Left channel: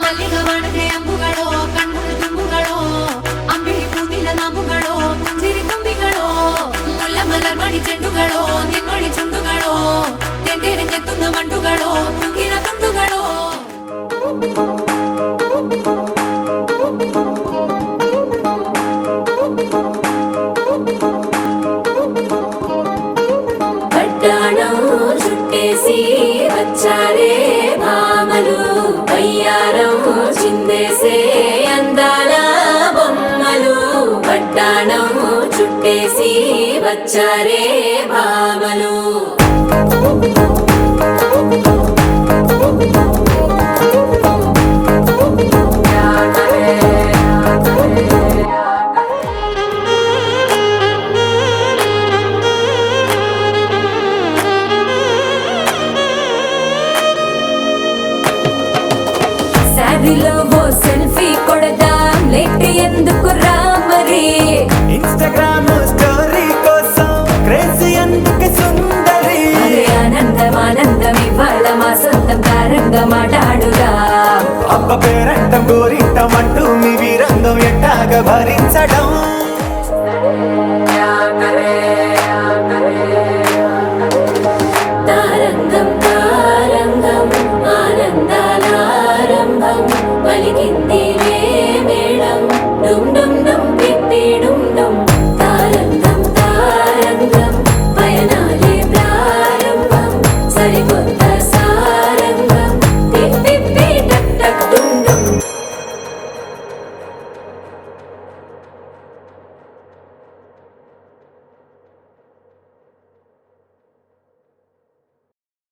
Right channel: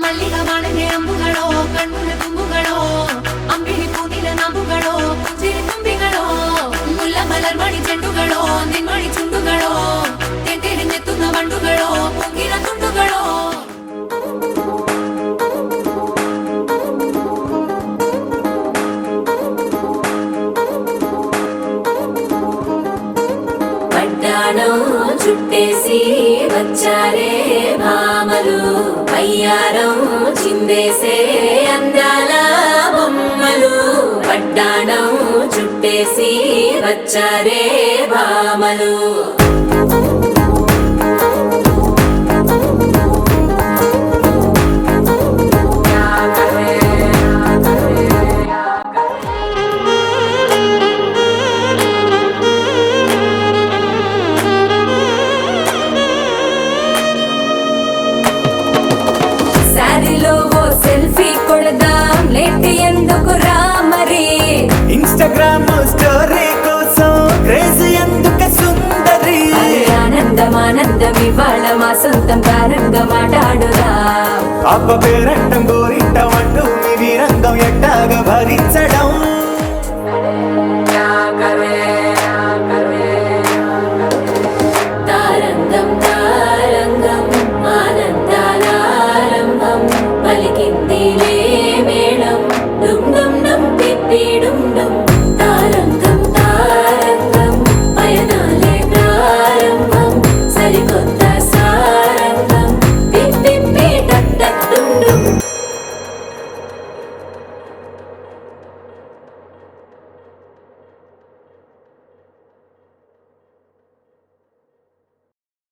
ಮಲ್ಲಿಗ ವಾಣದೆ ಅಂಬುಗಳೋ ಕಣ್ಮುಡಿ ತುಂಬುಗಳೋ ಅಂಬಿಳಿ ಕೂದಿಲ ನಾಂಬುಗಳೋ ಸಿರಿ ತುಂಬಿಗಳೋ ಮುಲ್ಲ ಮಲರ್ಮಣಿ ಚೆಂಡುಗಳೋ ನಿನ್ಮಣಿ ಚುಂಡುಗಳೋ ತೆಂಟೆರೆ ತೆತ್ತುಂಗ ಬಂಡುಗಳೋ ಮುಂಗಿನ ತುಂಡುಗಳೋ పట్టాణం చుట్టేసి వచ్చారే భామలు వయ్యారం చిందేసే అందాల బొమ్మలు పట్టాణం చుట్టేసి వచ్చారే భామలు